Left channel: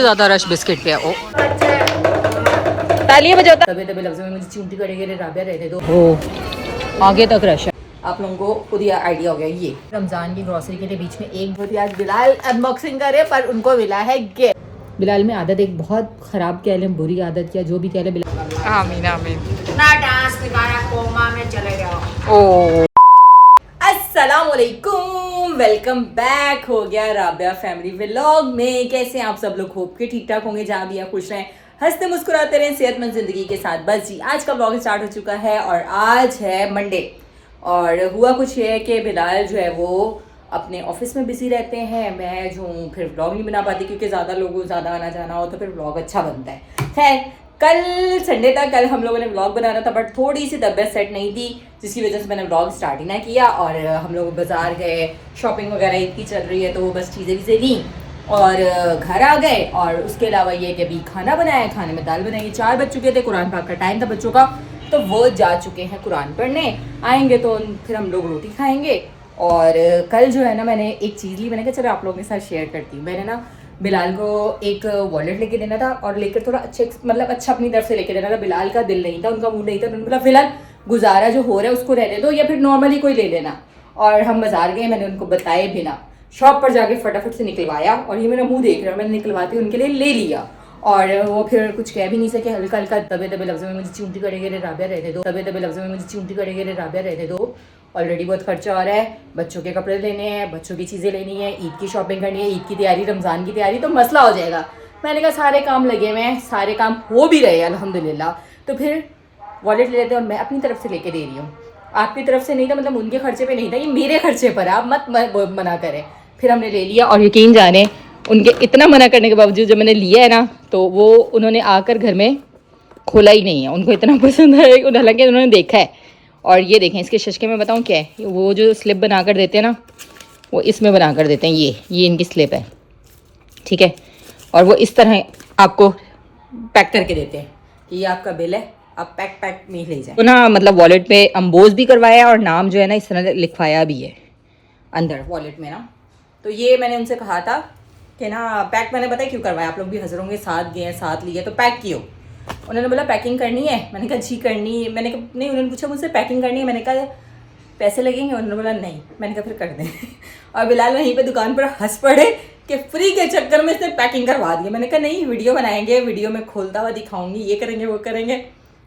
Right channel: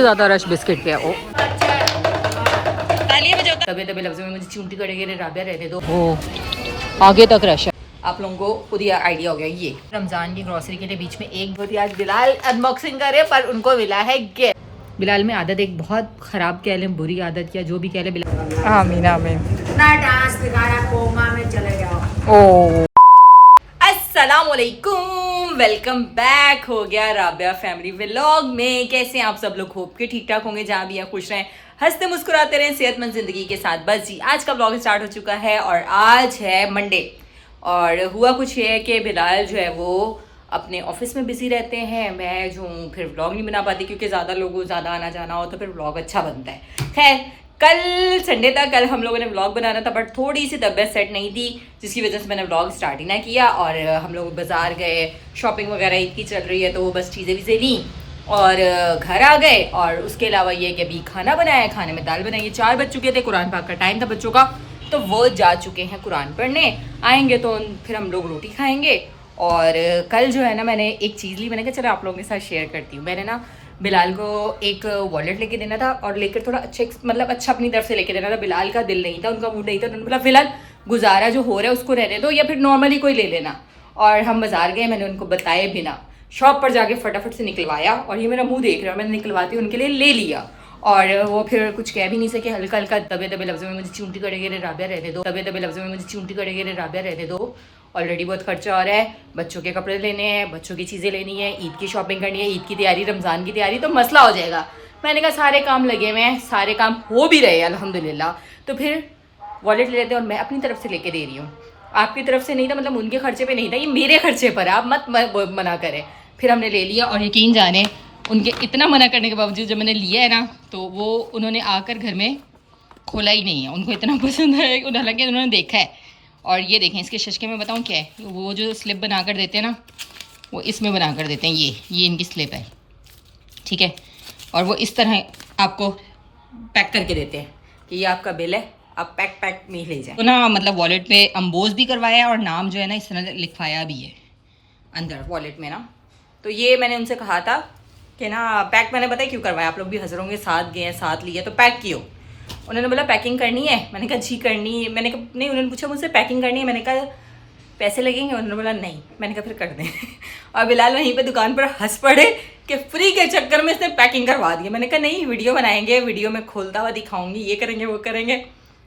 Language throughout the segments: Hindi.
ज्यादा रश बिस्किट पे है। ओ तालियां बजाता तबे तबे लफ्ज़ों में मुझे चूंटी करेंगे राबिया रहने दो। ओ आगे तक रश है। आप लोगों को खुद ही आइडिया हो गया। ये रमजान की ग्रोसरी के लिए बीच में एक बहुत ही आज बिलाल अनबॉक्सिंग करे पर उनको मिला है गिफ्ट। बिलाल में आदत एक बहुत खराब कह लें, बुरी आदत या जो भी कह लें बिलाल। आमीन आमीन ना डांस दोबारा कोमा में चले जाओ। ओ अस्सलामुअलैकुम, वेलकम बैक हो गया राबिया फैमिली व्लॉग में। कैसे हैं आप सब लोग? होप के ठीक ठाक होंगे, जहाँ भी हैं खुश रहें, हंसते मुस्कुराते रहें, सेहतमंद जिंदगी के साथ। बस जी आज का व्लॉग स्टार्ट हो चुका है और आज है मंडे। और हुआ कुछ ये है कि बिलाल जो है वो अपने ऑफिस में बिजी रहते हैं, मैं जो हूँ फिर व्लॉग नहीं बना पाती क्योंकि ज़्यादा लोगों ज़्यादा आना जाना हो तो फिर व्लॉग अच्छा बनता है। खैर कल संडे था, कल हम लोगों ने व्लॉग बनाना था बट थोड़ी सी तबीयत सेट नहीं थी जिसकी वजह से मैंने व्लॉग स्टार्ट ही ना किया। और हम लोग बाज़ार गए, शॉपिंग वगैरह ईद की चल रही है तो वो बस चीज़ें वीज़ें ली और घर आ गए। और उसके अलावा ये कि अभी खाना बनाया, खाने में दाल बनाई। 4 बज चुके थे, कुरान पाक का टाइम था बच्चों का, तो वो जा चुके हैं कुरान पढ़ने। आएंगे तो फिर हम लोग रोटी खाएंगे। और कल जो है ना मैंने एक चीज़ ली, मैंने कहा चलो आप लोगों के साथ शेयर करती हूँ। मैंने ना बिलाल को एक वॉलेट लेके देना था और लेकर थोड़ा अच्छा अपनी तरफ से लेके देना था। बिलाल का दिल नहीं था, उनका मूड नहीं था, उन्होंने बोला फिलहाल गुजारा जो हो रहा है उसको रहने दो या फिर नॉर्मली कोई ले लेना। और हम बाजार गए, मैंने उनको बताए बिना शॉप पर जाके फटाफट से निकलवाया और ये मेरा मुंह देख रहा है, मैंने निकलवाती उनके लिए ले लिया। और वो फिर कुछ कह भी नहीं सके, हल्का हल्का दबे दबे लफ्ज़ों में मुझे चूंटी करेंगे रे राबिया रहने दो, दबे दबे लफ्ज़ों में मुझे चूंटी करेंगे रे राबिया रहने दो। ऑलरेडी बहुत खर्चा हो रहा है, बच्चों के कपड़े लेने हैं, बच्चों की चीज़ें लेनी है, ईद की शॉपिंग करनी है, ईद की तैयारी, रमज़ान की तैयारी, तो मसला हो जाएगा। मैंने कहा सारे काम लगे हुए हैं, सारे काम हो भी रहे हैं अल्हम्दुलिल्लाह। तो फिर वॉलेट ले लेते हैं और मैं अपनी तरफ से लेके दे रही हूँ, आपकी तरफ से नहीं था, मतलब उनके खर्चे पे नहीं था, ये मेरे खर्चे पर, आप मत मना करें। फिर हमने ले लिया और यकीन जाने उनके इतना मना करने के बावजूद जब मैंने लिया है ना तो वो उन्होंने आकर घर में खोला ही नहीं है, उनको इतना पसंद है, हालांकि उन्होंने देखा है। और ये देखें इसके शशके में बताऊँ क्या है, वो जो स्लिप बना कर देते हैं ना वो इसमें बना कर देते हैं, ये इनकी स्लिप है, ठीक है। और वो इस तरह आपको पैक करके देते हैं कि ये आपका बिल है, आप पैक में ही ले जाएं। तो ना मतलब वॉलेट पे अम्बोज भी करवाया और नाम जो है ना इस तरह लिखवाया भी है अंदर वॉलेट में ना। तो ये मैंने उनसे कहा था कि ना पैक, मैंने पता है क्यों करवाया, आप लोग भी हज़रों के साथ गए हैं, साथ लिए तो पैक कियो। उन्होंने बोला पैकिंग करनी है, मैंने कहा जी करनी है। मैंने कहा नहीं, उन्होंने पूछा मुझसे पैकिंग करनी है, मैंने कहा पैसे लगेंगे, उन्होंने बोला नहीं, मैंने कहा फिर कर दें। और बिलाल वहीं पे दुकान पर हंस पड़े कि फ्री के चक्कर में इसने पैकिंग करवा दिया। मैंने कहा नहीं वीडियो बनाएंगे, वीडियो में खोलता हुआ दिखाऊंगी, ये करेंगे वो करेंगे।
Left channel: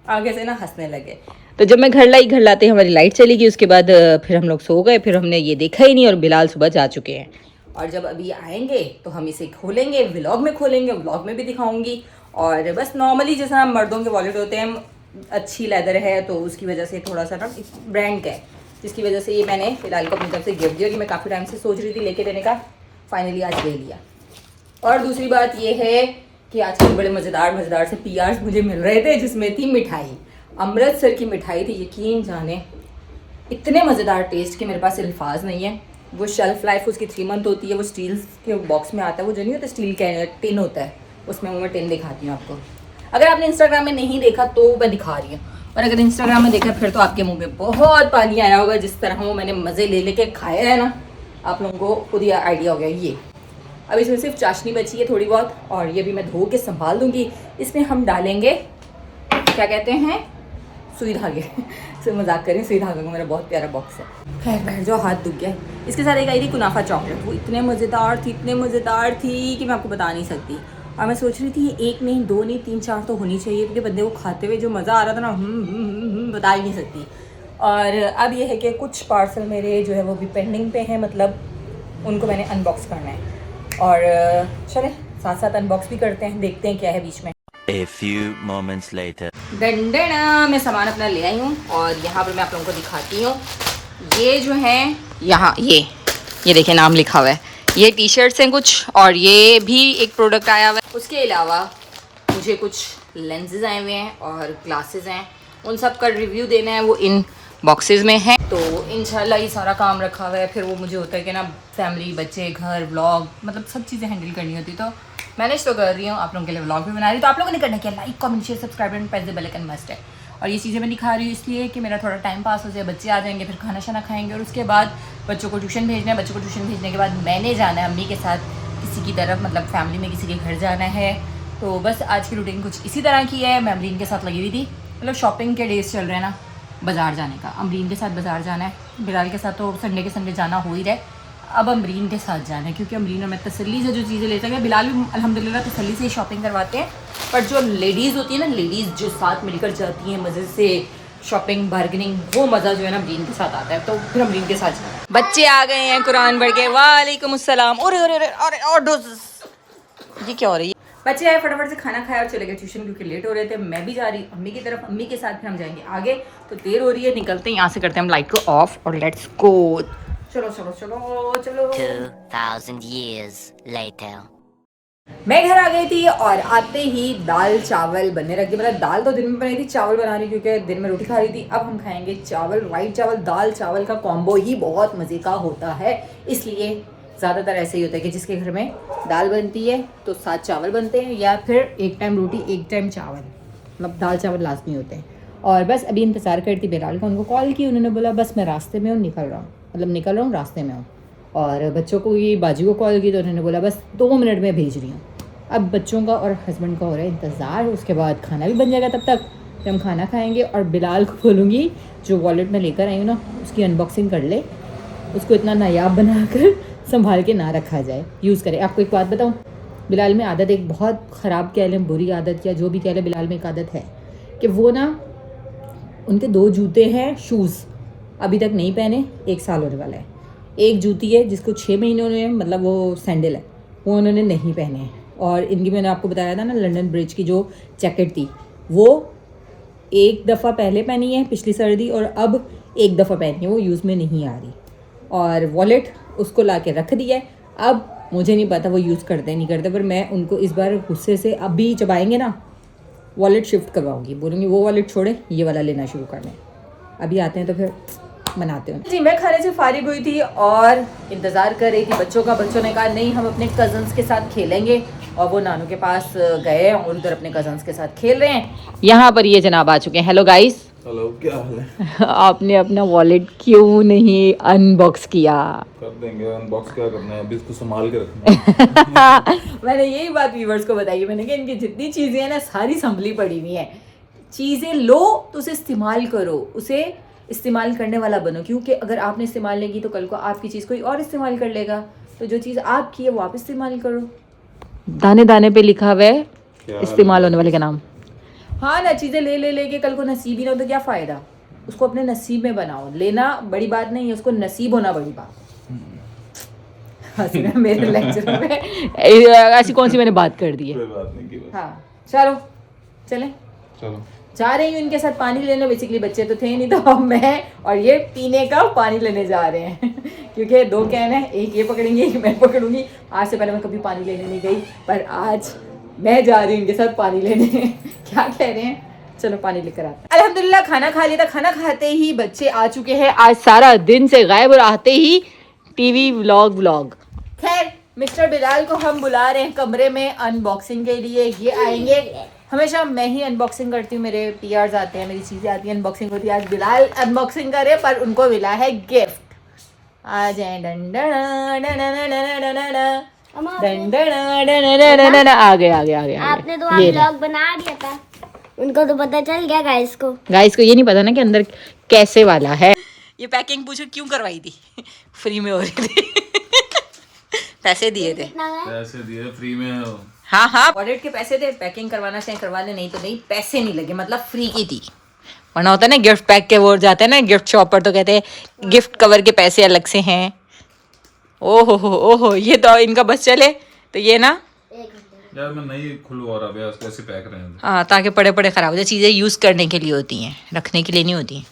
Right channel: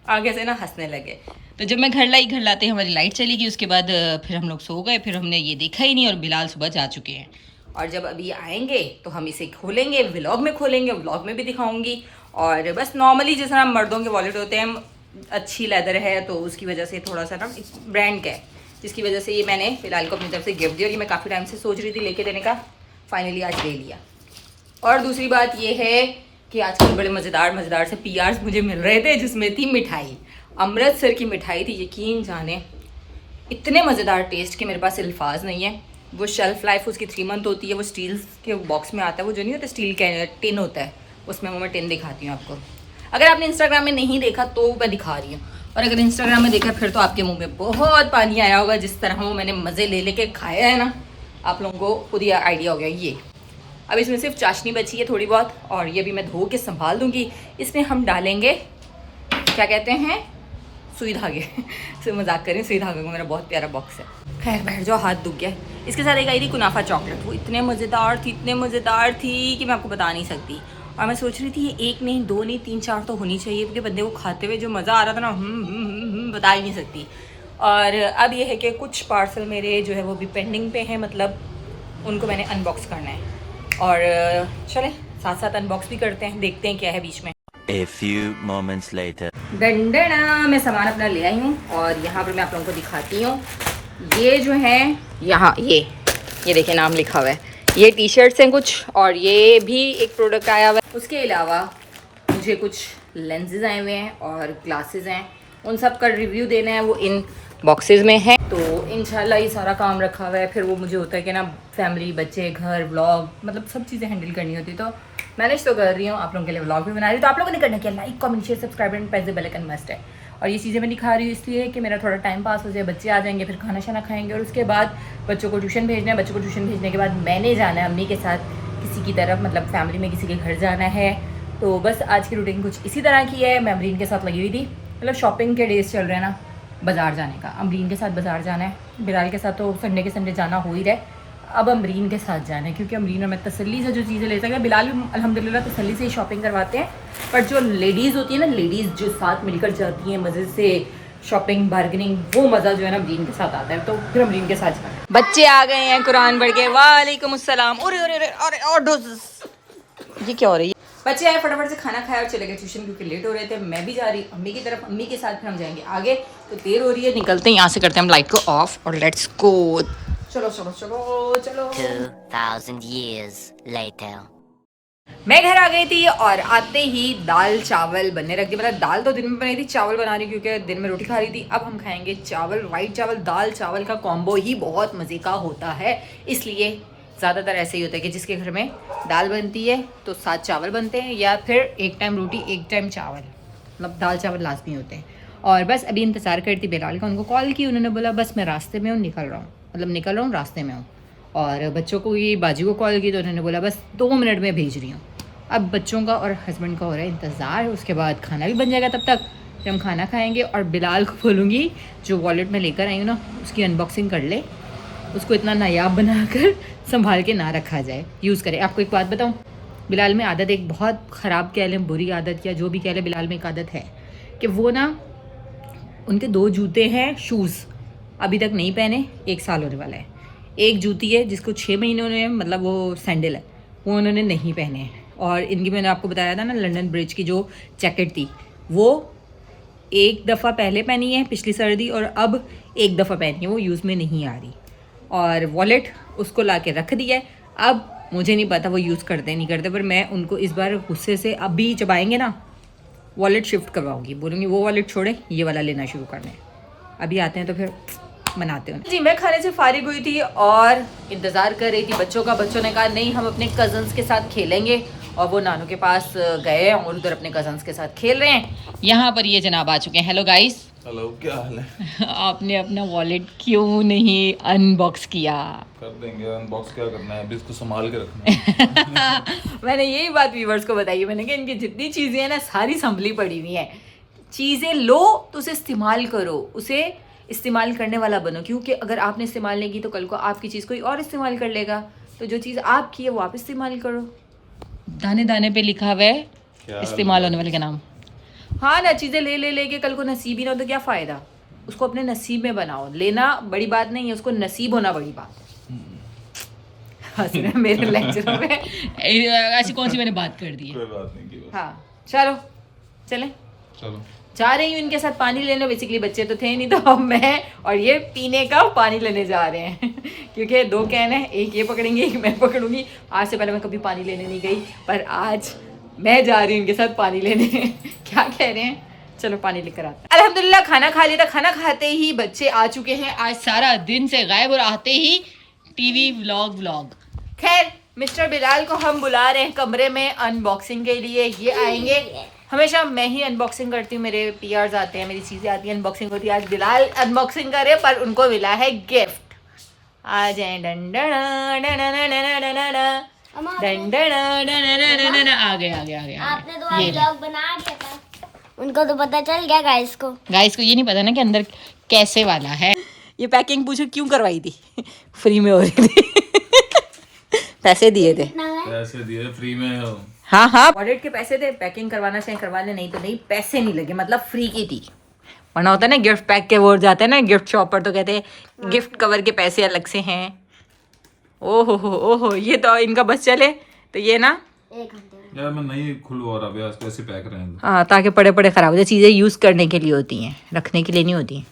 आगे से ना हंसने लगे। तो जब मैं घर लाते हमारी लाइट चली गई, उसके बाद फिर हम लोग सो गए, फिर हमने ये देखा ही नहीं और बिलाल सुबह जा चुके हैं। और जब अभी आएंगे तो हम इसे खोलेंगे, व्लॉग में खोलेंगे, व्लॉग में भी दिखाऊंगी। और बस नॉर्मली जैसा हम मर्दों के वॉलेट होते हैं, अच्छी लेदर है तो उसकी वजह से थोड़ा सा ना ब्रांड का है, जिसकी वजह से ये मैंने फिलहाल को अपनी तरफ से गिफ्ट दिया और ये मैं काफ़ी टाइम से सोच रही थी लेके देने का, फाइनली आज ले लिया। और दूसरी बात ये है कि आजकल बड़े मज़ेदार से PRs मुझे मिल रहे थे जिसमें थी मिठाई, अमृतसर की मिठाई थी। यकीन जाने इतने मज़ेदार टेस्ट के मेरे पास अल्फाज नहीं है। वो शेल्फ़ लाइफ उसकी 3 मंथ होती है, वो स्टील के बॉक्स में आता है, वो जो नहीं होता स्टील का टिन होता है उसमें, वो मैं टिन दिखाती हूँ आपको। अगर आपने इंस्टाग्राम में नहीं देखा तो मैं दिखा रही हूँ, और अगर इंस्टाग्राम में देखा फिर तो आपके मुंह में बहुत पानी आया होगा। जिस तरह वो मैंने मज़े ले लेके खाया है ना, आप लोगों को खुद ही आइडिया हो गया। ये अब इसमें सिर्फ चाशनी बची है थोड़ी बहुत, और ये भी मैं धो के संभाल दूँगी। इसमें हम डालेंगे क्या कहते हैं, सुई धागे। से मजाक करें, सुई धागे का मेरा बहुत प्यारा बॉक्स है। खैर बैठ जाओ, हाथ दुख गया। इसके साथ एक आई थी कुनाफा चॉकलेट, वो इतने मज़ेदार थी कि मैं आपको बता नहीं सकती। और मैं सोच रही थी ये 1 नहीं 2 नहीं 3 4 तो होनी चाहिए, क्योंकि बंदे को खाते हुए जो मज़ा आ रहा था ना, बता ही नहीं सकती। और अब ये है कि कुछ पार्सल मेरे जो है वो भी पेंडिंग पे हैं, मतलब उनको मैंने अनबॉक्स करना है। और चलें साथ साथ अनबॉक्स भी करते हैं, देखते हैं क्या है बीच में। A few moments later. डंडना मैं सामान अपना ले आई हूँ और यहाँ पर मैं आप लोगों को दिखाती हूँ। ये जो है यहाँ ये देखिए नाम लिखा हुआ है, ये टी-शर्ट्स हैं कुछ, और ये भी एक प्रोडक्ट आया हुआ है। उसके अलावा मुझे कुछ लेंसेज आए हुए हैं और ग्लासेस हैं, उन सब का रिव्यू देना है, वो इन बॉक्सेस में है। तो इंशाल्लाह ये सारा काम रखा हुआ है। फिर वो मुझे होता है कि ना फैमिली, बच्चे, घर, व्लॉग, मतलब सब चीज़ें हैंडल करनी होती, तो मैनेज तो कर रही हूँ, आप लोगों के लिए व्लॉग भी बना रही हूँ। तो आप लोगों ने करना क्या, like comment share subscribe and press the bell icon must है। और ये चीज़ें मैं दिखा रही हूँ इसलिए कि मेरा थोड़ा टाइम पास हो जाए, बच्चे आ जाएंगे, फिर खाना शाना खाएंगे और उसके बाद बच्चों को ट्यूशन भेजना है। बच्चों को ट्यूशन भेजने के बाद मैंने जाना है अम्मी के साथ किसी की तरफ, मतलब फैमिली में किसी के घर जाना है। तो बस आज की रूटीन कुछ इसी तरह की है। मैं अमरीन के साथ लगी हुई थी, मतलब शॉपिंग के डेज चल रहे हैं ना, बाज़ार जाने का। अमरीन के साथ बाज़ार जाना है, बिलाल के साथ तो संडे के संडे जाना हो ही रहा है। अब अमरीन के साथ जाना है क्योंकि अमरीन और मैं तसल्ली से जो चीज़ें ले सकें, बिलाल भी अल्हम्दुलिल्लाह तसल्ली से ही शॉपिंग करवाते हैं। पर जो लेडीज़ होती है ना, लेडीज़ जो साथ मिलकर जाती हैं मज़े से शॉपिंग बार्गेनिंग, वो मज़ा जो है ना अमरीन के साथ आता है। तो फिर अमरीन के साथ जाना है। बच्चे आ गए हैं कुरान पढ़ के। वालेकुम अस्सलाम। ये क्या हो रही है? बच्चे आए, फटाफट से खाना खाया और चले गए ट्यूशन क्योंकि लेट हो रहे थे। मैं भी जा रही अम्मी की तरफ, अम्मी के साथ फिर हम जाएंगे आगे। तो देर हो रही है, निकलते हैं यहाँ से, करते हैं हम लाइट को ऑफ और लेट्स गो। चलो चलो चलो चलो। 2000 years later. मैं घर आ गई थी और आते ही दाल चावल बनने रख दिए। मतलब दाल तो दिन में बनाई थी, चावल बना रही क्योंकि दिन में रोटी खा रही थी। अब हम खाएंगे चावल, वाइट चावल। दाल चावल का कॉम्बो ही बहुत मज़े का होता है, इसलिए ज़्यादातर ऐसे ही होता है कि जिसके घर में दाल बनती है तो 7 चावल बनते हैं, या फिर एक टाइम रोटी एक टाइम चावल, मतलब दाल चावल लाजमी होते हैं। और बस अभी इंतज़ार करती बिलाल का, उनको कॉल की, उन्होंने बोला बस मैं रास्ते में हूँ, निकल रहा हूँ, मतलब निकल रहा हूँ, रास्ते में हूँ। और बच्चों को ये बाजी को कॉल की तो उन्होंने बोला बस 2 मिनट में भेज रही हूँ। अब बच्चों का और हस्बैंड का हो रहा है इंतज़ार, उसके बाद खाना भी बन जाएगा तब तक, फिर हम खाना खाएंगे। और बिलाल को बोलूँगी जो वॉलेट में लेकर आई हूँ ना, उसकी अनबॉक्सिंग कर ले, उसको इतना नायाब बनाकर संभाल के ना रखा जाए, यूज़ करें। आपको एक बात बताऊँ, बिलाल में आदत, एक बहुत ख़राब कह लें, बुरी आदत या जो भी कह लें, बिलाल में एक आदत है कि वो ना, उनके 2 जूते हैं, शूज़ अभी तक नहीं पहने, 1 साल होने वाला है। एक जूती है जिसको 6 महीने हुए हैं, मतलब वो सैंडल है, वो उन्होंने नहीं पहने हैं। और इनकी, मैंने आपको बताया था ना, लंदन ब्रिज की जो जैकेट थी, वो एक दफ़ा पहले पहनी है पिछली सर्दी, और अब एक दफ़ा पहनी है, वो यूज़ में नहीं आ रही। और वॉलेट उसको ला के रख दिया है। अब मुझे नहीं पता वो यूज़ करते नहीं करते, पर मैं उनको इस बार गुस्से से, अभी जब आएंगे ना, वॉलेट शिफ्ट करवाऊंगी, बोलूँगी वो वॉलेट छोड़े, ये वाला लेना शुरू कर लें। अभी आते हैं तो फिर मनाते हैं जी। मैं खाने से फारिग हुई थी और इंतज़ार कर रही थी बच्चों का। बच्चों ने कहा नहीं, हम अपने कज़न्स के साथ खेलेंगे, और वो नानू के पास गए और उधर अपने कज़न्स के साथ खेल रहे हैं। यहाँ पर ये जनाब आ चुके हैं। Hello guys. हेलो, क्या हाल है? आपने अपना वॉलेट क्यों नहीं अनबॉक्स किया? कर देंगे अनबॉक्स, क्या करना है, अभी इसको संभाल के रखना है। मैंने यही बात व्यूवर्स को बताई, मैंने कहा इनकी जितनी चीज़ें हैं ना, सारी संभली पड़ी हुई हैं। चीज़ें लो तो उसे इस्तेमाल करो, उसे इस्तेमाल करने वाला बनो, क्योंकि अगर आपने इस्तेमाल नहीं की तो कल को आपकी चीज़ कोई और इस्तेमाल कर लेगा। तो जो चीज़ आपकी है वो आप इस्तेमाल करो। दाने दाने पे लिखा हुआ है इस्तेमाल होने वाले का नाम। हाँ ना, चीज़ें ले ले लेके कल को नसीब ही ना हो तो क्या फ़ायदा। उसको अपने नसीब में बनाओ। लेना बड़ी बात नहीं है, उसको नसीब होना बड़ी बात है। मेरे लेक्चर में ऐसी कौन सी मैंने बात कर दी है? कोई बात नहीं की बात। हाँ चलो चलें। चलो जा रही हूँ इनके साथ पानी लेने। बेसिकली बच्चे तो थे नहीं, तो अब मैं और ये पीने का पानी लेने जा रहे हैं। क्योंकि 2 कैन है, एक ये पकड़ेंगे, एक मैं पकड़ूंगी। आज से पहले मैं कभी पानी लेने नहीं गई, पर आज मैं जा रही हूँ इनके साथ पानी लेने। क्या कह रहे हैं? चलो पानी लेकर आते हैं। अल्हम्दुलिल्लाह खाना खा लिया था। खाना खाते ही बच्चे आ चुके हैं। आज सारा दिन से गायब, और आते ही टीवी व्लॉग। खैर, मिस्टर बिलाल को हम बुला रहे हैं कमरे में अनबॉक्सिंग के लिए। ये आएंगे, हमेशा मैं ही अनबॉक्सिंग करती हूँ, मेरे पीआर्स आते हैं, मेरी चीज़ें आती हैं, अनबॉक्सिंग होती है। आज बिलाल अनबॉक्सिंग करे, पर उनको मिला है गिफ्ट। आ जाए। आ गए। आपने तो व्लॉग बना दिया था, उनको तो पता चल गया। गाइस को ये नहीं पता ना कि अंदर कैसे वाला है। ये पैकिंग पूछो क्यों करवाई थी? फ्री में हो रही थी। पैसे दिए थे। पैसे दिए फ्री में। हाँ वॉलेट के पैसे थे, पैकिंग करवाना चाहे करवा ले, नहीं तो नहीं, पैसे नहीं लगे, मतलब फ्री की थी। वरना होता है ना गिफ्ट पैक के वो जाते हैं ना गिफ्ट शॉप पर, तो कहते हैं गिफ्ट कवर के पैसे अलग से हैं। ओहो, ये तो इनका बस चले तो ये ना यार मैं नहीं खुलवा रहा भैया, इसको ऐसे पैक रहें। हाँ, ताकि पड़े खराब हो जाए। चीज़ें यूज़ करने के लिए होती हैं, रखने के लिए नहीं होती हैं।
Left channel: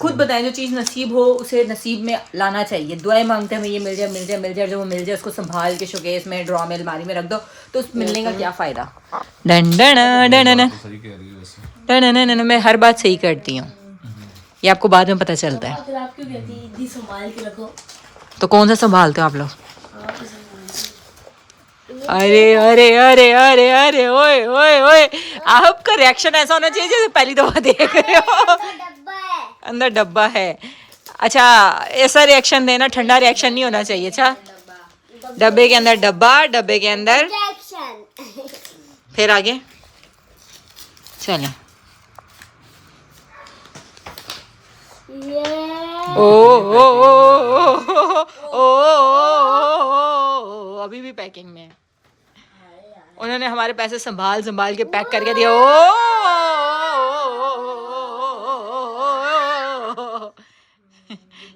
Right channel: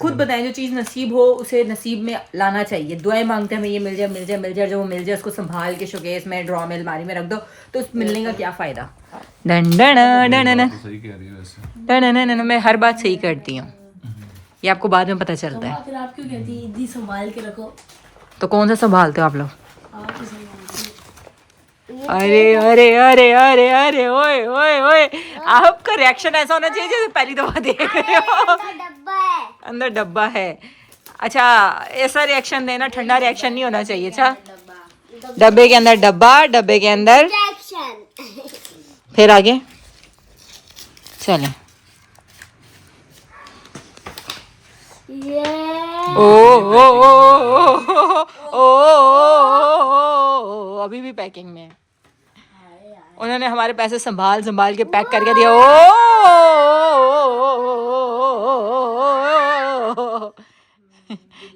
खुद बताएं, जो चीज़ नसीब हो उसे नसीब में लाना चाहिए। दुआएं मांगते हैं हमें ये मिल जाए, जब वो मिल जाए उसको संभाल के शोकेस में, ड्रॉ में, अलमारी में रख दो, तो उस मिलने का क्या फ़ायदा। सही कह रही है वैसे। मैं हर बात सही करती हूँ, ये आपको बाद में पता चलता है। आप क्यों कहती है इतनी संभाल के रखो? तो कौन सा संभालते हो आप लोग? अरे ओए, आपका रिएक्शन ऐसा होना चाहिए जैसे पहली दफा देख रहे हो। अंदर डब्बा है। अच्छा, ऐसा रिएक्शन देना, ठंडा रिएक्शन नहीं होना चाहिए। अच्छा डब्बे के अंदर डब्बा, डब्बे के अंदर इंजेक्शन। फिर आगे चलें। ये ओ अभी भी पैकिंग में है। उन्होंने हमारे पैसे संभाल संभाल के पैक करके दिया।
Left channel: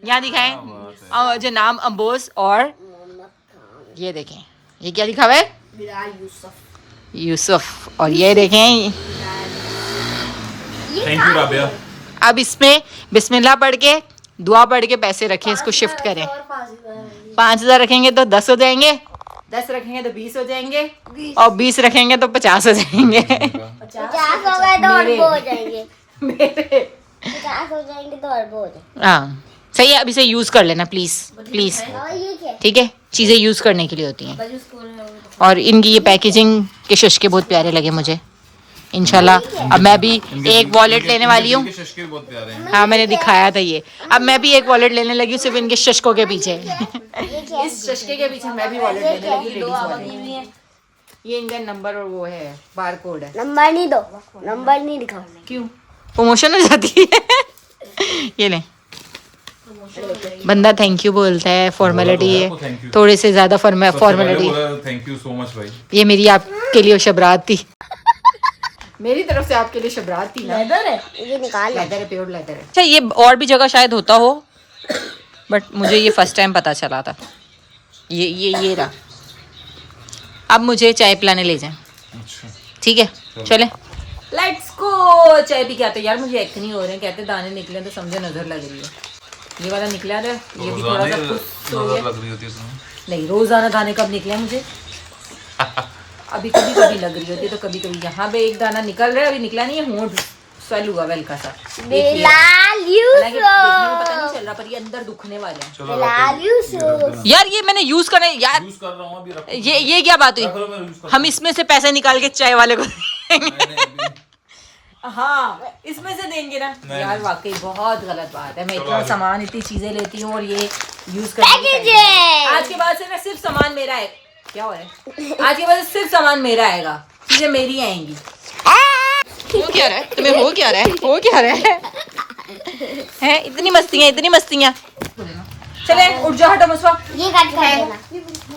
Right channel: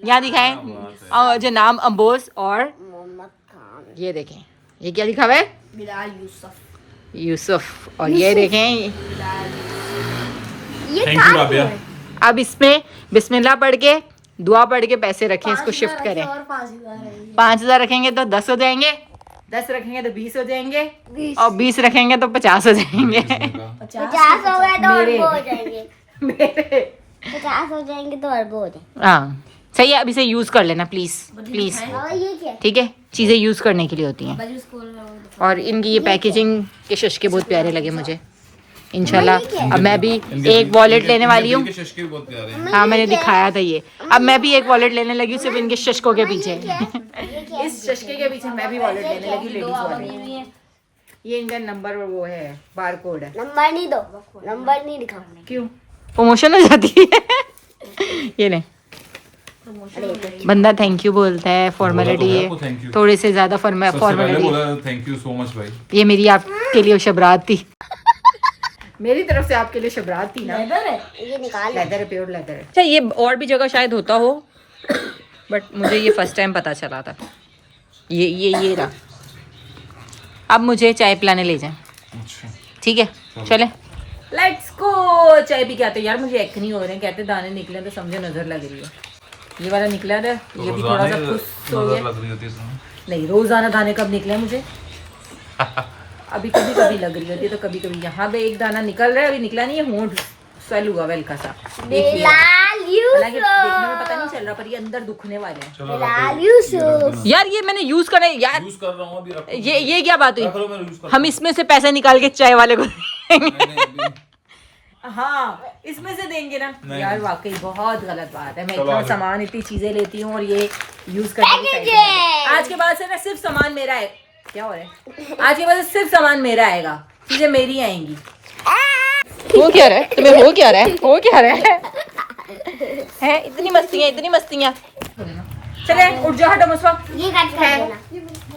यहाँ दिखाएं जो नाम अम्बोस और ये देखें ये क्या लिखा हुआ है, बिलाल यूसुफ। यूसुफ। और ये देखें थैंक यू राबिया। अब इसमें बिस्मिल्लाह पढ़ के दुआ पढ़ के पैसे रखें, इसको शिफ्ट करें। 5,000 रखेंगे तो 10 हो जाएंगे, 10 रखेंगे तो 20 हो जाएंगे, और 20 रखेंगे तो 50 हो जाएंगे। 50 हो गए तो अरबों हो जाएंगे। मेरे 50 हो जाएंगे तो अरबों हो जाएंगे। हाँ सही है। अब इसे यूज कर लेना प्लीज प्लीज, और ये क्या? ठीक है। चीजें यूज करने के लिए होती हैं। और इनकी ये पैकेजिंग के शशके बहुत प्यारे लगे मुझे। इंशाल्लाह अब मैं भी एक वॉलेट लेने वाली हूँ। शशके भी बहुत प्यारे हैं। हाँ मैंने दिखाया था ये। अब मैं भी एक वॉलेट लेने लगी हूँ सिर्फ इनके शशकों के पीछे। इस शशके के पीछे मैं भी वॉलेट लेने लगी, लेडीज वॉलेट। ये इनका नंबर और वो है बार कोड है। नंबर नहीं दो, नंबर नहीं दिखाओ। क्यों प्रमोशन हो जाती है। ये ले बंदा थैंक यू बोलता है, फॉर्मेलिटी है थोड़े से ज्यादा formality. Thank you so much भाई। ये मेरी आपके लिए शबरात थी। मेरी तरफ से आपके लिए शबरात थी ना। ये निकाल। लेदर है, प्योर लेदर है। अच्छा ये और भी जगह शायद होता हो, बट मुझे ये फर्स्ट टाइम पता चला था। ये रहा। अब मुझे चाय पिलाने ले जाएं। अच्छा ठीक है चले लेट्स गो। चाय पी के आते। यार मुझे एक नहीं हो रहे हैं, कहते दाने निकले तो समझे नजर लग रही है। ये वाला निकला है, ये भी थोड़ा सा खुश हो गया। लग रही होती है इसमें। नहीं रोजाना दाने कब निकले हैं मुझे। अभी कभी कभी लग रही होती है, तो कभी कभी यहाँ पे एक दाना निकल रहा है, अभी निकला नहीं है। होंठ स्वेल हुआ है हल्का सा, देखिए। बिलाल हालांकि यूसुफ। देखने में पता नहीं चल रहा, पर ये अंदर दुखने वाले हैं। बिलाल यूसुफ। यार ये मैंने यूज करना है यार। यूज कर रहा हूँ अभी, रखो। ये क्या बात रख लो, हुई। मैं यूज कर हम इसमें से पैसे निकाल के चाय वाले को देंगे। नहीं, हाँ इसमें से देंगे ना। यार वाकई बहुत गलत बात है। मैं चलो इतना आगे। सामान इतनी चीजें लेती हूँ और ये यूज करने की टाइम नहीं। आज के बाद से ना सिर्फ सामान मेरा है। क्या हो रहा है। आज के बाद से सिर्फ सामान मेरा आएगा, चीजें मेरी आएंगी। हो क्या रहा है तुम्हें, हो क्या रहा है, हो क्या रहा है इतनी मस्तियाँ इतनी मस्तियाँ। चले उठ जाओ, हटो मुझको। ये कट कर देना।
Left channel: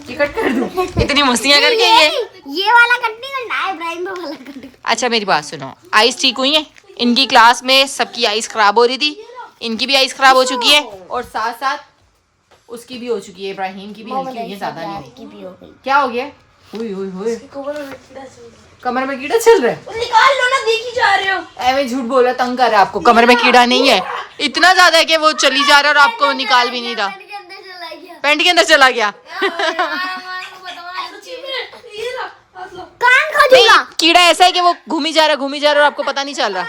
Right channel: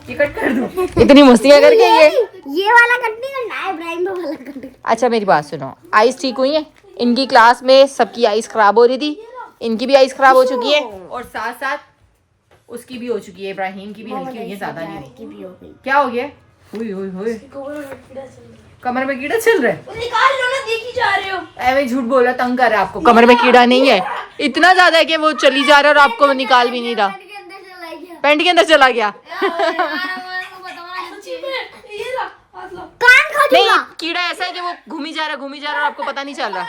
ये कट कर दूँ इतनी मस्तियाँ करके। ये वाला कट नहीं करना है, इब्राहिम को वाला कट। अच्छा मेरी बात सुनो, आइस ठीक हुई है। इनकी क्लास में सबकी आइस खराब हो रही थी, इनकी भी आइस खराब हो चुकी है, और साथ साथ उसकी भी हो चुकी है। इब्राहिम की भी हल्की हुई है, ज्यादा नहीं हुई। की भी हो गई। क्या हो गया। हुई हुई हुई कमर में कीड़ा चल रहा है। निकाल लो ना, देखी जा रहे हो। ऐਵੇਂ झूठ बोला, तंग कर रहा है आपको। कमर में कीड़ा नहीं है, इतना ज्यादा है कि वो चली जा रहा है और आपको निकाल भी नहीं रहा। पैंट के अंदर चला गया। नहीं कीड़ा ऐसा है कि वो घूमी जा रहा है और आपको पता नहीं चल रहा।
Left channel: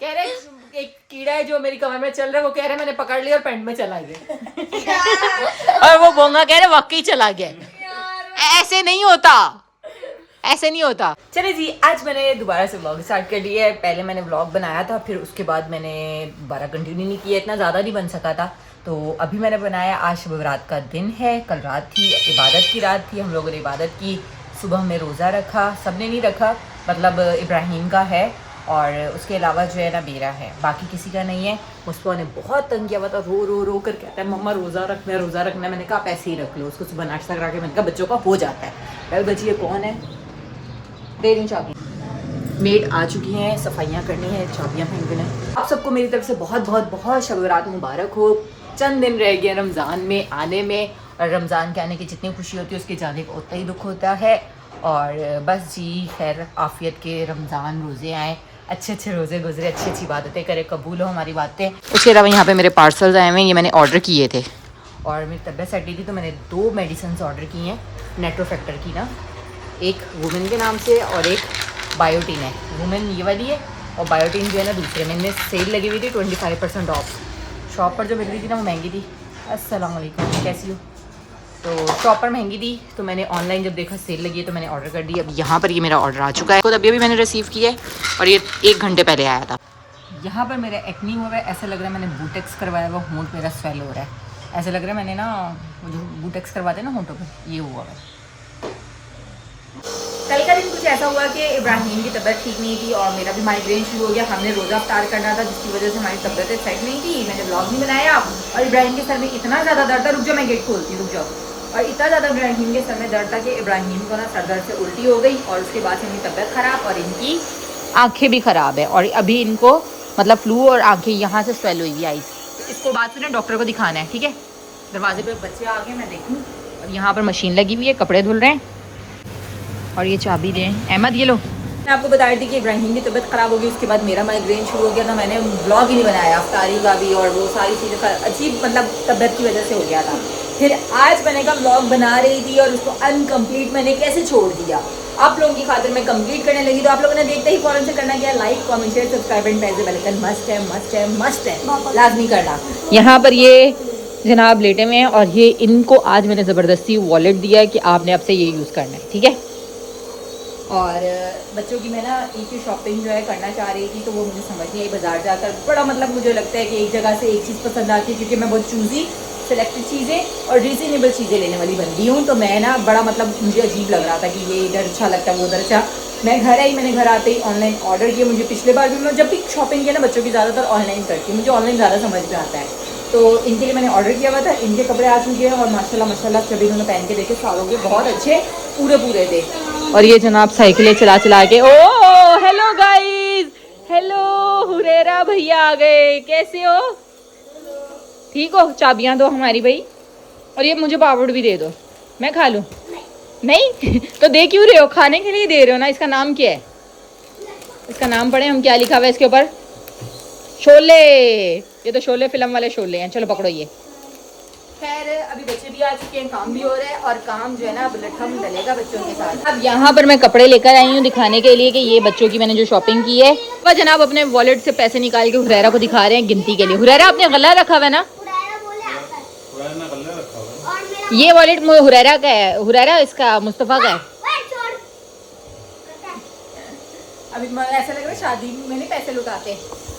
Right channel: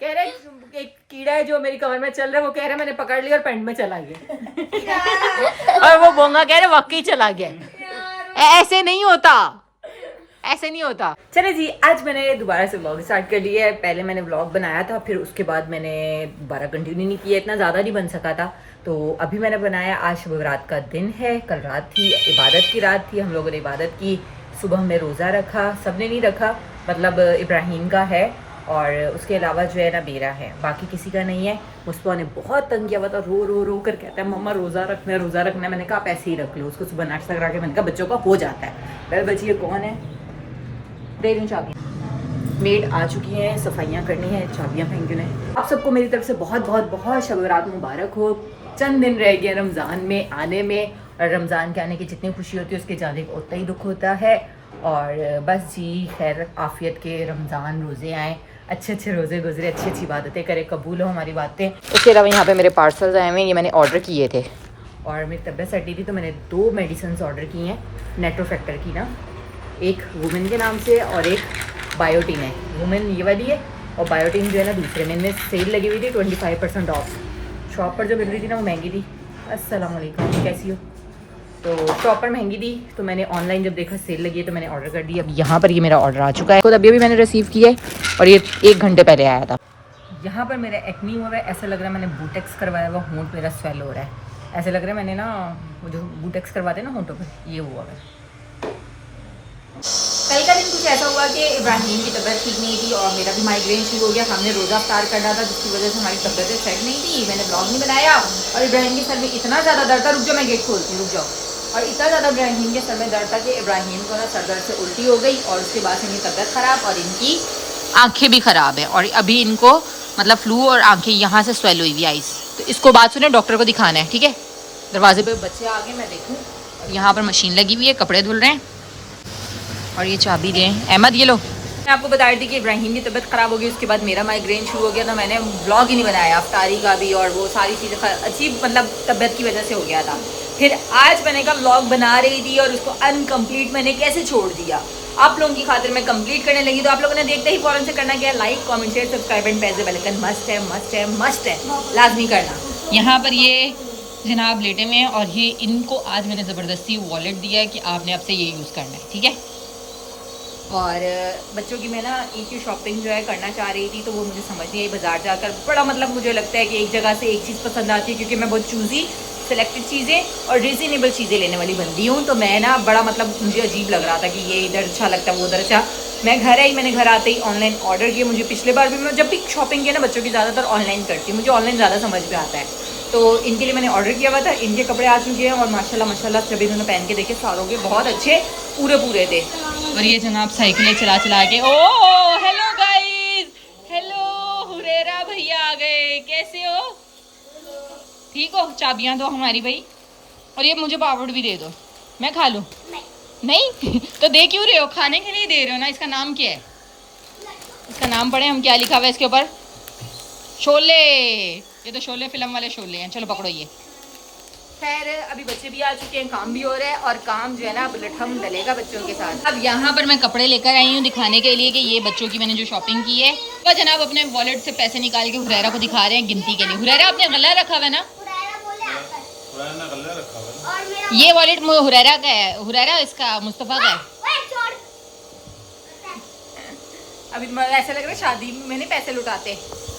कह रहे एक कीड़ा है जो मेरी कमर में चल रहा है, वो कह रहा है मैंने पकड़ लिया और पैंट में चला गया। और वो बोंगा कह रहे वाकई चला गया। ऐसे नहीं होता, ऐसे नहीं होता। चले जी आज मैंने दोबारा से व्लॉग स्टार्ट कर लिया है। पहले मैंने व्लॉग बनाया था, फिर उसके बाद मैंने दोबारा कंटिन्यू नहीं किया, इतना ज़्यादा नहीं बन सका था। तो अभी मैंने बनाया। आज शब रात का दिन है, कल रात थी इबादत की रात थी, हम लोगों ने इबादत की। सुबह हमने रोज़ा रखा, सबने नहीं रखा, मतलब इब्राहिम का है और उसके अलावा जो है ना मेरा है, बाकी किसी का नहीं है। मुस्पा ने बहुत तंग किया हुआ था, रो रो कर कहता है मम्मा रोज़ा रखना है रोज़ा रखना है। मैंने कहा आप ऐसे ही रख लो। उसको सुबह नाश्ता करा के मैंने कहा बच्चों का हो जाता है। पहले बच्ची ये कौन है, दे दूँ चाबी। मेड आ चुकी हैं, सफाइयाँ करनी है, चाबियाँ फेंकने। आप सबको मेरी तरफ से बहुत बहुत बहुत शब रात मुबारक हो। चंद दिन रह गए रमज़ान में आने में, और रमज़ान के आने की जितनी खुशी होती है उसके जाने का उतना ही दुख होता है। और बस जी खैर आफियत के रमज़ान रोज़े आएँ, अच्छे अच्छे रोज़े गुजरे, अच्छी अच्छी बातें करे, कबूल हो हमारी बातें। उसके अलावा यहाँ पे मेरे पार्सल्स आए हुए हैं, ये मैंने ऑर्डर किए थे और मेरी तबीयत सेट नहीं थी तो मैंने 2 मेडिसिन ऑर्डर की हैं नेट्रो फैक्टर की ना, एक वुमेन के नाम से और एक बायोटीन है। वुमेन ये वाली है और बायोटीन जो है ना दूसरे में। इनमें सेल लगी हुई थी 25% ऑफ। शॉप पर जो मिल रही थी ना वो महंगी थी। अस्सलाम वालेकुम, कैसी हो। तो शॉप पर महंगी थी तो मैंने ऑनलाइन जब देखा सेल लगी है तो मैंने ऑर्डर कर दी। अब यहाँ पर ये मेरा ऑर्डर आ चुका है, खुद अभी मैंने रिसीव किया है और ये 1 घंटे पहले आया था। यहाँ पर मेरा एक्नी हुआ है, ऐसा लग रहा है मैंने बूटेक्स करवाया हुआ, होंठ मेरा स्वेल हो रहा है, ऐसा लग रहा है मैंने ना वो जो बूटेक्स करवाते हैं ना होंठों पे, ये हुआ है। कल का दिन कुछ ऐसा हुआ कि इब्राहिम की तबीयत ठीक नहीं थी और मेरा भी माइग्रेन शुरू हो गया। हमने रोज़ा अफ्तार करना था जिसकी वजह से हमारी तबीयत सेट नहीं थी, मैंने ब्लॉग नहीं बनाया और इब्राहिम के सर में इतना ज़्यादा दर्द था, रुक जाओ मैं गेट खोलती, रुक जाओ, और इतना ज़्यादा इब्राहिम के सर में दर्द था कि इब्राहिम को ना सर दर्द से उल्टी हो गई और उसके बाद से इनकी तबीयत ख़राब और इनकी आँखें भी ख़राब है और अभी इनको मतलब फ्लू और आँखें यहाँ से स्वेल हुई हुई आइस। तो इसको बात सुने, डॉक्टर को दिखाना है, ठीक है। दरवाजे पे बच्चे आ गए, मैं देखूँ। और यहाँ पर मशीन लगी हुई है, कपड़े धुल रहे हैं और ये चाबी दें। अहमद ये लो। मैं आपको बता रही थी कि इब्राहिम की तबीयत ख़राब हो गई, उसके बाद मेरा माइग्रेन शुरू हो गया था, मैंने ब्लॉग ही नहीं बनाया अफ्तारी का भी और वो सारी चीज़ें अजीब मतलब तबीयत की वजह से हो गया था। फिर आज मैंने कहा ब्लॉग बना रही थी और उसको अनकम्प्लीट मैंने कैसे छोड़ दिया। आप लोगों की खातिर मैं कंप्लीट करने लगी, तो आप लोगों ने देखते ही फौरन से करना क्या, like comment share subscribe and press the bell icon, must है मस्ट है मस्ट है, लाजमी करना। यहाँ पर ये जनाब लेटे में हैं और ये इनको आज मैंने ज़बरदस्ती वॉलेट दिया है कि आपने अब से ये यूज़ करना है, ठीक है। और बच्चों की मैं ना ईद की शॉपिंग जो है करना चाह रही थी, तो वो मुझे समझ नहीं आई। बाज़ार जाकर बड़ा मतलब मुझे लगता है कि एक जगह से एक चीज़ पसंद आती है, क्योंकि मैं बहुत चूज़ी सिलेक्टेड चीज़ें और रीज़नेबल चीज़ें लेने वाली बंदी हूँ। तो मैं ना बड़ा मतलब मुझे अजीब लग रहा था कि ये इधर अच्छा लगता है वो उधर अच्छा। मैं घर आई, मैंने घर आते ही ऑनलाइन ऑर्डर किया। मुझे पिछले बार भी मैं जब भी शॉपिंग किया ना बच्चों की ज़्यादातर ऑनलाइन करती हूँ, मुझे ऑनलाइन ज़्यादा समझ में आता है। तो इनके लिए मैंने ऑर्डर किया हुआ था, इनके कपड़े आ चुके हैं और माशाल्लाह माशाल्लाह जब इन्होंने पहन के देखे सारों के बहुत अच्छे पूरे थे। और ये जनाब साइकिलें चला चला के, ओ हेलो गाइस, हेलो हुरेरा भैया आ गए, कैसे हो, ठीक हो, चाबियां दो हमारी भाई, और ये मुझे पापड़ भी दे दो, मैं खा लूँ। नहीं तो दे क्यों रहे हो, खाने के लिए दे रहे हो ना। इसका नाम क्या है, इसका नाम पढ़े हम, क्या लिखा हुआ है इसके ऊपर, शोले। ये तो शोले फिल्म वाले शोले हैं। चलो पकड़ो ये। खैर अभी बच्चे भी आ चुके हैं, काम भी हो रहा है और काम जो है ना अब लठम डलेगा बच्चों के साथ। अब यहाँ पर मैं कपड़े लेकर आई हूँ दिखाने के लिए कि ये बच्चों की मैंने जो शॉपिंग की है। वह जनाब अपने वॉलेट से पैसे निकाल के हुरैरा को दिखा रहे हैं गिनती के लिए। हुरैरा आपने गला रखा हुआ है ना, ये वॉलेट हुरैरा का है, हुरैरा इसका मुस्तफ़ा का है। अभी ऐसा लग रहा है शादी में मैंने पैसे लुटाते,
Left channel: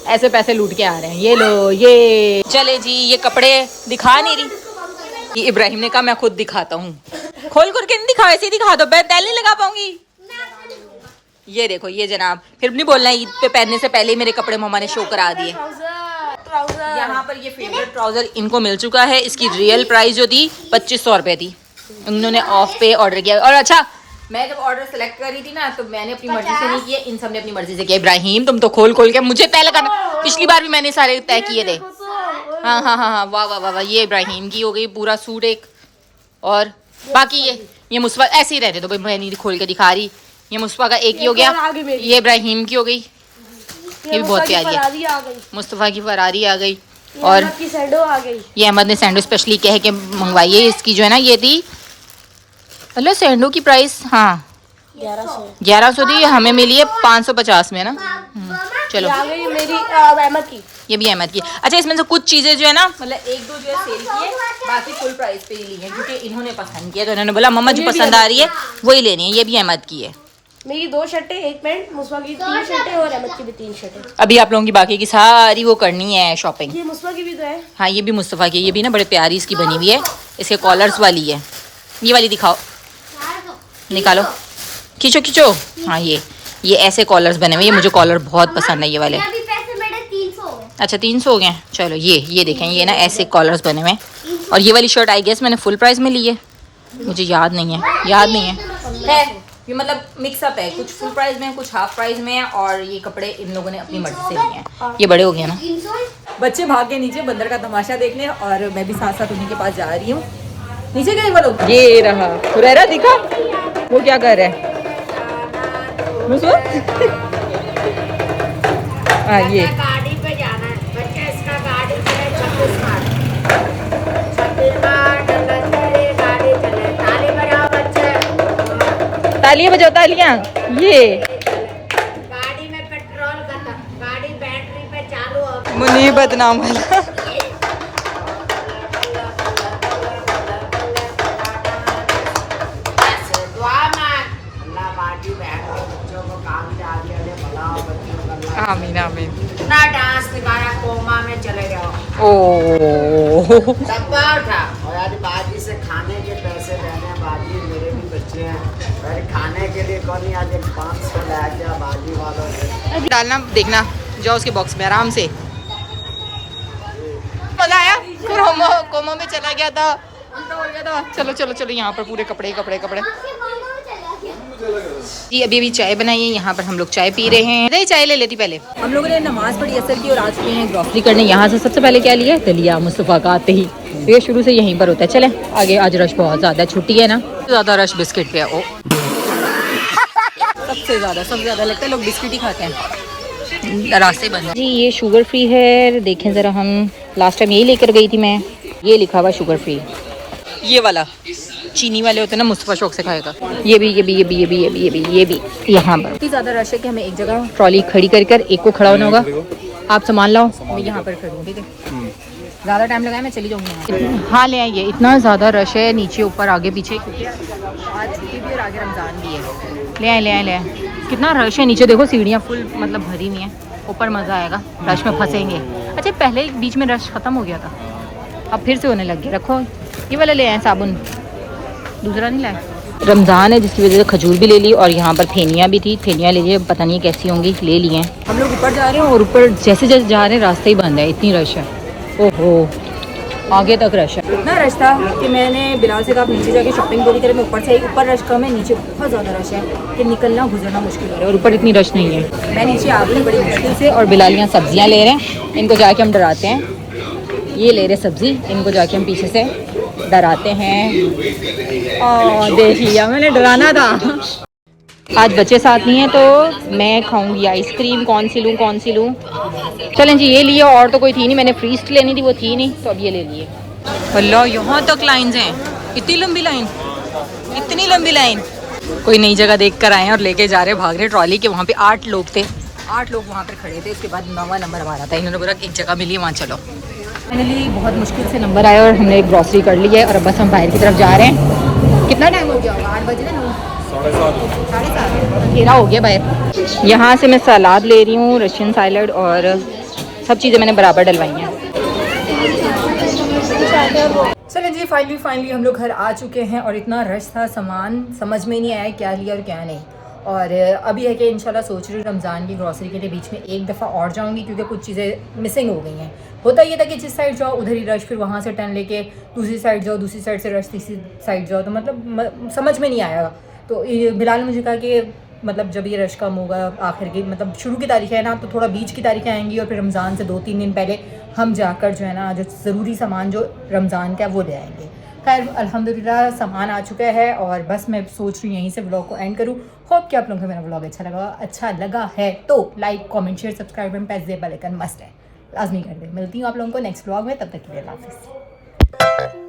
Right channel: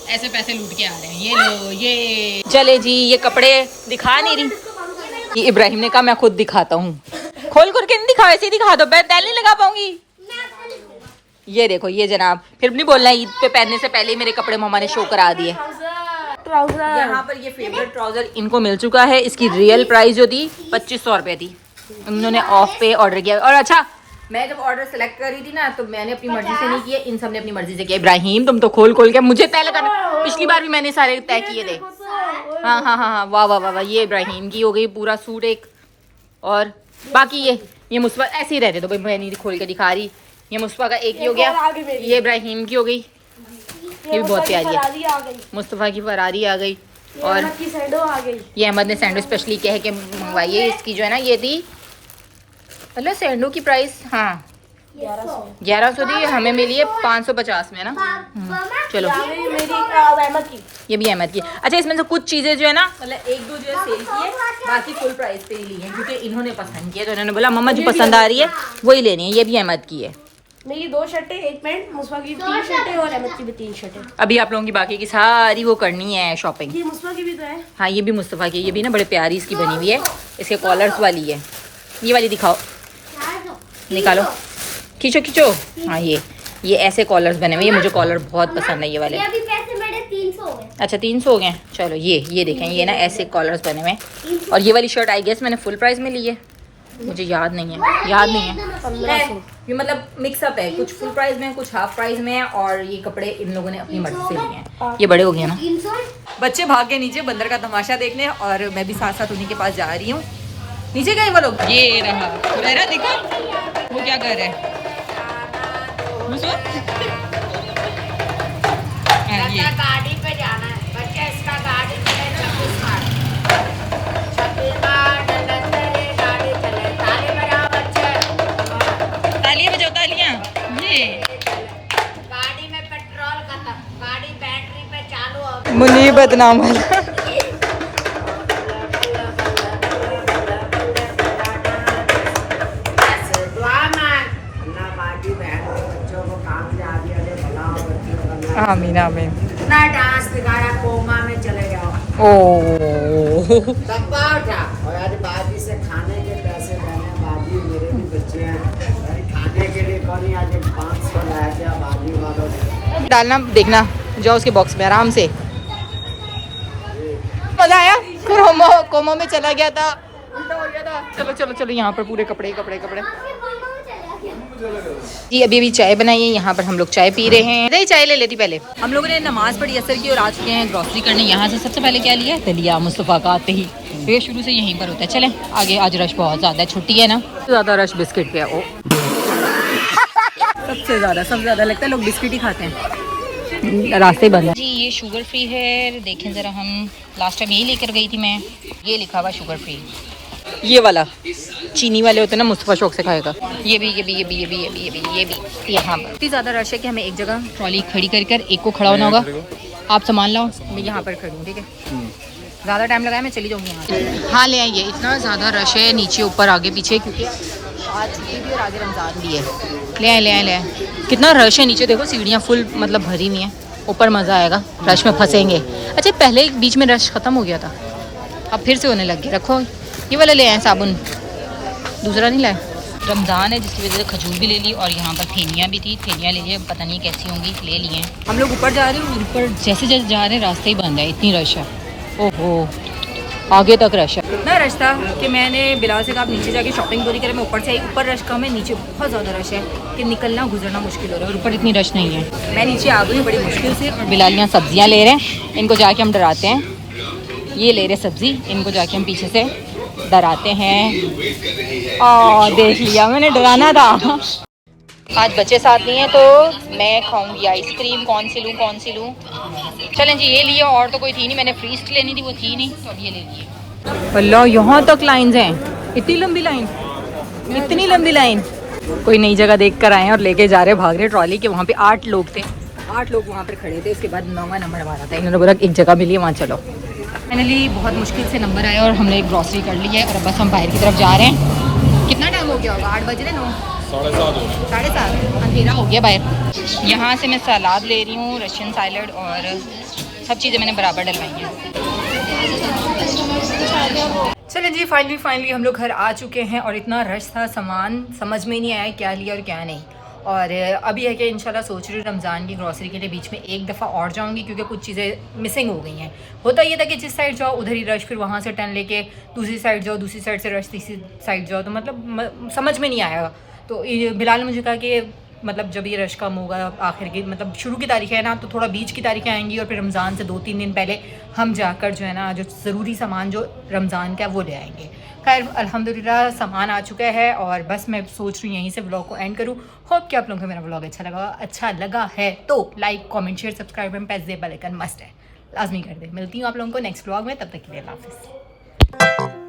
ऐसे पैसे लूट के आ रहे हैं। ये लो, ये चले जी, ये कपड़े दिखा नहीं रही। ये इब्राहिम ने कहा मैं खुद दिखाता हूँ, खोल कर के नहीं दिखाओ, ऐसे ही दिखा दो, मैं तैल नहीं लगा पाऊंगी। ये देखो, ये जनाब फिर नहीं बोलना ईद पे पहनने से पहले ही मेरे कपड़े मम्मा ने शो करा दिए। यहाँ पर ये फेवरेट ट्राउजर इनको मिल चुका है, इसकी रियल प्राइस जो थी 2500 रुपये थी, उन्होंने ऑफ पे ऑर्डर किया। और अच्छा, मैं जब ऑर्डर सेलेक्ट कर रही थी ना तो मैंने अपनी मर्जी से नहीं किया, इन सब ने अपनी मर्जी से किया। इब्राहिम तुम तो खोल खोल के मुझे तय लगाना, पिछली बार भी मैंने सारे तय किए थे। हाँ हाँ हाँ हाँ, वाह वाह वाह वाह। ये इब्राहिम की हो गई पूरा सूट एक, और बाकी ये मुस्तफा ऐसे ही रहते तो भाई मैं नहीं खोल के दिखा रही। ये मुस्तफा का एक ही हो गया, ये इब्राहिम की हो गई, ये भी बहुत प्यारी है। मुस्तफा की फरारी आ गई और ये अहमद ने सैंडो स्पेशली कह के मंगवाई है। इसकी जो है ना ये थी अल्लाह सैंडो की प्राइस, हाँ 1100 थी, हमें मिली है 550 में ना। चलो ये भी अहमद की। अच्छा इसमें से कुछ चीज़ें जो है ना मतलब एक दो जो है सेल की है, बाकी फुल प्राइस पे ही ली है क्योंकि इन्होंने पसंद किया, तो इन्होंने बोला मम्मा जो पसंद आ रही है वही लेनी है। ये भी अहमद की है, मेरी 2 शर्टें, एक पैंट, मुस्वा की 3 शर्टें और अहमद की भी 3 शर्टें। अभी आप लोगों की बाकी की सारी वो करनी है शॉपिंग। ये मुस्वा की भी तो है। हाँ ये भी मुस्तफ़ा की, ये भी ना बड़े प्यारी इसकी बनी हुई है, इसके कॉलर्स वाली है। ये वाली दिखाओ, निकालो, खींचो खींचो। हाँ ये ऐसे कॉलर्स बने हुए, ये मुझे कॉलर बहुत पसंद है ये वाले। अभी पैसे मेरे 300 हो गए। अच्छा 300 हो गए। चलो ये देखें, ये ना ऐसे कॉलर्स बने हुए हैं। और ये वाली शर्ट आई गेस मैंने फुल प्राइस में ली है, मुझे याद नहीं है। ये मतलब मिक्सअप है, कुछ फुल प्राइस में कुछ हाफ प्राइस में, और ये कपड़े इन लोगों ने अपनी मर्जी से लिए हैं। ये बड़े हो गए ना। बच्चे भाग के नीचे बंदर का तमाशा देखने और मैं भी साथ साथ उन्हीं के पास जा रही हूँ। नीचे गए वो लोग, ये रहा हुरैरा, दिखा वो क्या कर रहा है। ये गाड़ी पे जाना है बच्चा, इसका गाड़ी चले 26 मार्च, गाड़ी चले, ताली बजाओ बच्चे, तालियां बजाओ तालियां। ये गाड़ी में पेट्रोल खत्म, गाड़ी बैटरी पे चालू हो। मुनी बदनाम वाला। आमीन आमीन। ना डांस ओ डब्बा उठा और आज बाजी से खाने के पैसे लेने बाजी मेरे भी बच्चे हैं अरे खाने के लिए कौन ही आज 500 लाया क्या बाजी वालों से डालना देखना जाओ उसके बॉक्स में आराम से। मजा आया कोमो में चला गया था उल्टा हो गया था। चलो चलो चलो यहाँ पर पूरे कपड़े कपड़े कपड़े जी। अभी चाय बनाई है यहाँ पर हम लोग चाय पी रहे हैं। अरे चाय ले लेती पहले। हम लोगों ने नमाज पढ़ी असर की और आ चुके हैं ग्रॉसरी करने। यहाँ से सबसे पहले क्या लिया दलिया मुस्तफ़ा का आते ही, ये शुरू से यहीं पर होता है। चले आगे, आज रश बहुत ज़्यादा है, छुट्टी है ना, ज़्यादा रश बिस्किट पे है। ओ सबसे ज़्यादा लगता है लोग बिस्किट ही खाते हैं, रास्ते बंद है जी। ये शुगर फ्री है, देखें ज़रा, हम लास्ट टाइम यही लेकर गई थी मैं। ये लिखा हुआ शुगर फ्री, ये वाला चीनी वाले होते हैं ना, मुस्तफ़ा शौक से खाएगा। ये भी यहाँ पर इतनी ज़्यादा रश है कि हमें एक जगह ट्रॉली खड़ी कर एक को खड़ा होना होगा। आप सामान लाओ, मैं यहाँ पर खड़ी हूँ, ठीक है। ज़्यादा टाइम लगाया मैं चली जाऊँगी यहाँ। हाँ ले आइए, इतना ज़्यादा रश है नीचे ऊपर आगे पीछे, क्योंकि आज छुट्टी भी और आज रमज़ान भी है। ले आए कितना रश है नीचे, देखो सीढ़ियाँ फुल मतलब भरी हुई हैं। ऊपर मज़ा आएगा, रश में फंसेंगे। अच्छा पहले बीच में रश ख़त्म हो गया था, अब फिर से होने लग गया। रखो ये वाला ले आए साबुन, दूसरा नहीं लाए। रमज़ान है जिसकी वजह से खजूर भी ले ली और यहाँ पर फेनियाँ भी थी, फेनियाँ ले लिए, पता नहीं कैसी होंगी, ले लिए हैं। हम लोग ऊपर जा रहे हैं और ऊपर जैसे जैसे जा रहे हैं रास्ते ही बंद है, इतनी रश है। ओहो आगे तक रश है, इतना रश था कि मैंने बिलाल से कहा आप नीचे जाके शॉपिंग पूरी करें। मैं ऊपर से आई, ऊपर रश कम है, नीचे बहुत ज़्यादा रश है कि निकलना गुजरना मुश्किल हो रहा है, और ऊपर इतनी रश नहीं है। मैं नीचे आ गई बड़ी मुश्किल से, और बिलाल यहाँ सब्जियाँ ले रहे हैं। इनको जाके हम डराते हैं, ये ले रहे सब्ज़ी, इनको जाके हम पीछे से डराते हैं। और देख लिया मैंने, डराना था। आज बच्चे साथ नहीं है तो मैं खाऊंगी आइसक्रीम। कौन सी लूँ? चलें जी, ये लिए, और तो कोई थी नहीं, मैंने फ्रीस्ट लेनी थी, वो थी नहीं, तो अब ये ले लिए। अल्लाह यहाँ तक लाइन्स हैं, इतनी लंबी लाइन। कोई नई जगह देख कर आए हैं और लेके जा रहे, भाग रहे ट्रॉली के। वहाँ पे 8 लोग थे, 8 लोग वहाँ पर खड़े थे। उसके बाद 9वां नंबर हमारा था, इन्होंने बोला एक जगह मिली वहाँ चलो। फाइनली बहुत मुश्किल से नंबर आया और हमने एक ग्रॉसरी कर ली है, और अब बस हम बाहर की तरफ जा रहे हैं। कितना टाइम हो गया होगा? 8 बज रहे, 7:30, अंधेरा हो गया बाहर। यहाँ से मैं सलाद ले रही हूँ, रशियन सैलड, और सब चीज़ें मैंने बराबर डलवाई हैं। चलें जी, फाइनली हम लोग घर आ चुके हैं, और इतना रश था, सामान समझ में नहीं आया क्या लिया और क्या नहीं। और अभी है कि इंशाल्लाह सोच रही हूँ रमज़ान की ग्रॉसरी के लिए बीच में एक दफ़ा और जाऊँगी, क्योंकि कुछ चीज़ें मिसिंग हो गई हैं। होता ये था कि जिस साइड जाओ उधर ही रश, फिर वहाँ से टर्न लेके दूसरी साइड जाओ, दूसरी साइड से रश, तीसरी साइड जाओ, तो मतलब समझ में नहीं आया। तो बिलाल ने मुझे कहा कि मतलब जब ये रश कम होगा, आखिर की मतलब शुरू की तारीखें है ना, तो थोड़ा बीच की तारीखें आएंगी, और फिर रमज़ान से 2-3 दिन पहले हम जाकर जो है ना, जो ज़रूरी सामान जो रमज़ान का है वो ले आएंगे। खैर अल्हम्दुलिल्लाह सामान आ चुका है, और बस मैं सोच रही हूँ यहीं से व्लॉग को एंड करूँ। होप कि आप लोगों को मेरा व्लॉग अच्छा लगा है तो like, comment, share, subscribe and press the bell icon must है, लाजमी कर दे। मिलती हूँ आप लोगों को नेक्स्ट व्लॉग में, तब तक के लिए अल्लाह हाफ़िज़।